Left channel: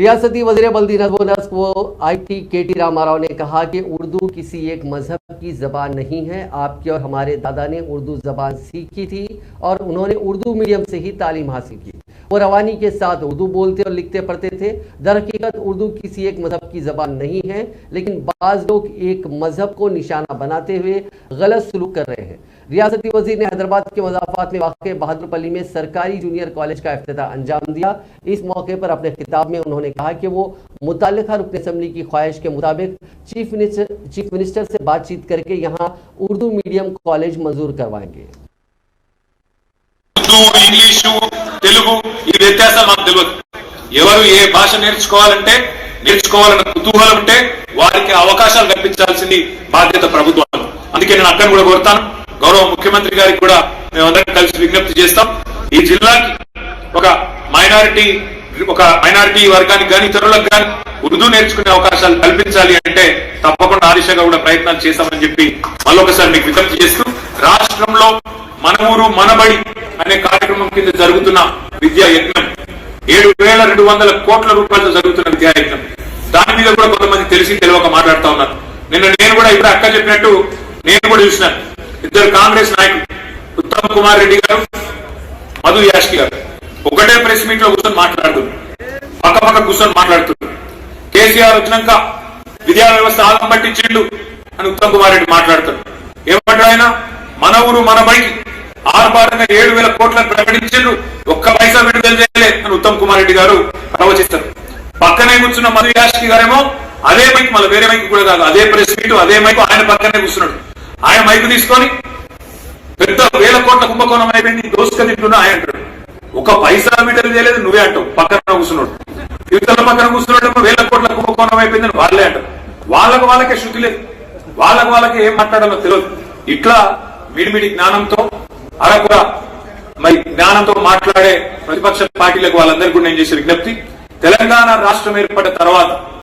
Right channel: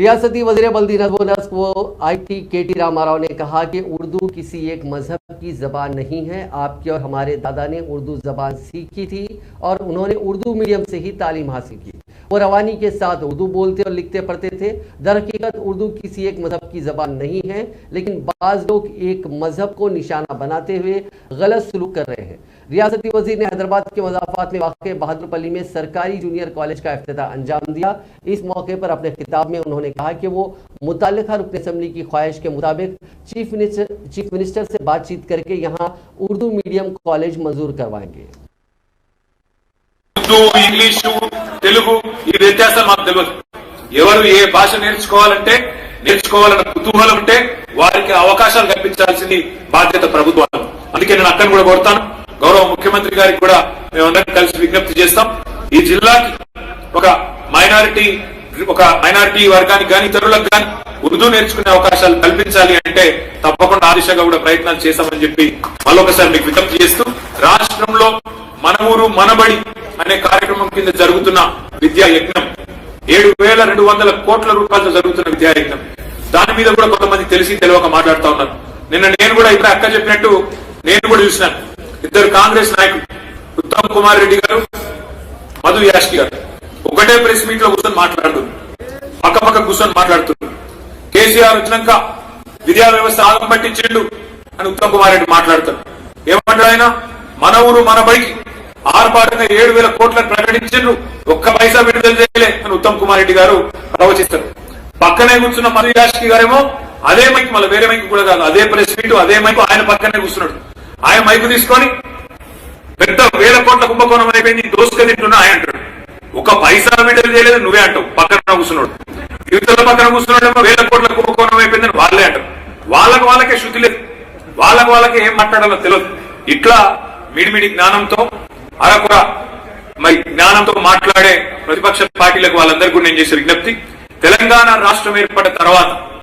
रियासती वज़ीर बल्दी नज़्म व नस्क व IT KT रामाराव ने कहा कि उर्दू किसी एक मजहब की ज़बान नहीं है। आपके और हमारे दादा ने उर्दू ज़बान सीखी थी और उन्होंने उर्दू मीडियम से ही तालीम हासिल की। वो रवानी के साथ उर्दू बोलते और लिखते पढ़ते थे। दरहकीकत उर्दू किसी एक मजहब की ज़बान नहीं है, लेकिन बाज़ लोग एक मजहब को निशाना बनाते हुए गलत सलूक कर रहे हैं। रियासती वज़ीर ने हैदराबाद के मज़ाफ़ात में वाक़े बहादुरपल्ली में सरकारी जूनियर कॉलेज का इफ्तिताह अंजाम दिया। इस मौके पर अपने खिताब में उन्होंने कहा कि वो मुतल्लिक़ा रुकन असम्बली की ख्वाहिश के मुताबिक चीफ मिनिस्टर से बातचीत करके यहाँ उर्दू मीडियम कॉलेज मंजूर करवाएंगे। ఇంగ్లీషు తెలుగు ఈ వ్యత్యాసం మాకు తెలియదు. ఎవరు ఏ భాష నేర్చుకోవాలన్న కుతూహలం ఉంటే వారికి అవకాశాలు కల్పించాల్సింది బాధ్యత ప్రభుత్వం. అందుకే నేను అక్కడ కూడా కోరుతాను, గౌరవ ముఖ్యమంత్రి గారికి కూడా మేమందరం కలిసి విజ్ఞప్తి చేస్తాం. ఈ జిల్లాకి ఒక మైనారిటీ వర్గానికి కానీ ఇతరులకు కానీ ఉర్దూ నేర్చుకునే అవకాశాలు కల్పించాలి అంటే తప్పకుండా ఆ దిశగా కూడా ప్రయత్నాలు చేస్తామని చెప్పి మళ్ళొకసారి మీకు విజ్ఞప్తి చేస్తూ, రాష్ట్రంలో మన ఊరు మనబడి అనే కార్యక్రమం కింద జరుగుతున్న విద్యా యజ్ఞం 7,200 కోట్ల రూపాయలతో జరుగుతున్న విద్యా యజ్ఞం, దాని మీద కూడా కొంతమంది తెలియక మాట్లాడుతా ఉన్నారు. నిన్న నేను కూడా ఇప్పుడు అక్క చెప్పినట్టు నేను కూడా చూసినాను. ఇద్దరు కాంగ్రెస్ నాయకులు ఉత్తమ్ కుమార్ రెడ్డి గారు, మధు యాష్కి గారు ఒకటే ప్రెస్ మీట్ లో కూర్చొని మాట్లాడుతున్నారు, పక్క కూర్చొని మాట్లాడుతున్నారు. కేసీఆర్ వచ్చినాక విద్యా వ్యవస్థ ఆగం పట్టించిండు అని ఉత్తమ్ కుమార్ రెడ్డి మాట్లాడుతున్నారు. ఏమంటే ఆయన మన ఊరు మన బడికి ఆర్భాటంగా 7,000 కోట్లను ప్రకటించిండ్రు, ఒక్క పైసా విడుదల చేయలే అని ఉత్తమ్ కుమార్ రెడ్డి గారు ప్రవచిస్తారు. పక్కనే కూర్చున్న మధు యాష్కి గారేమో అదే మైక్, మళ్ళీ వేరే మైక్ కూడా కాదు, అదే ప్రెస్ మీట్ అదే మైక్ ఆయన పక్కనే కూర్చున్నాడు. ఆయన మైకు తీసుకొని పెద్ద 1,000 కోట్ల కుంభకోణం అయిపోయింది, దోసుక తింటున్నా ఆయన అంటాడు. ఒక పైసా విడుదల చేయలేదు నువ్వే అంటావు, పక్కన కూర్చున్నాడు. ఇతరుల పక్కన కూర్చున్నాడు 1,000 కోట్ల కుంభకోణం అయిపోయిందని వాళ్ళే అంటారు. వాళ్ళకే శృతి లేదు, వాళ్ళకే ఏం మాట్లాడాలో తెలియదు. ఇట్లా మిడిమిడి జ్ఞానంతో అరకుర మరి జ్ఞానంతో మాట్లాడే ప్రతిపక్ష పార్టీలకు వాళ్ళందరికీ నేను చేసే విజ్ఞప్తి, తెలంగాణ రాష్ట్రం ఏర్పడిన తర్వాత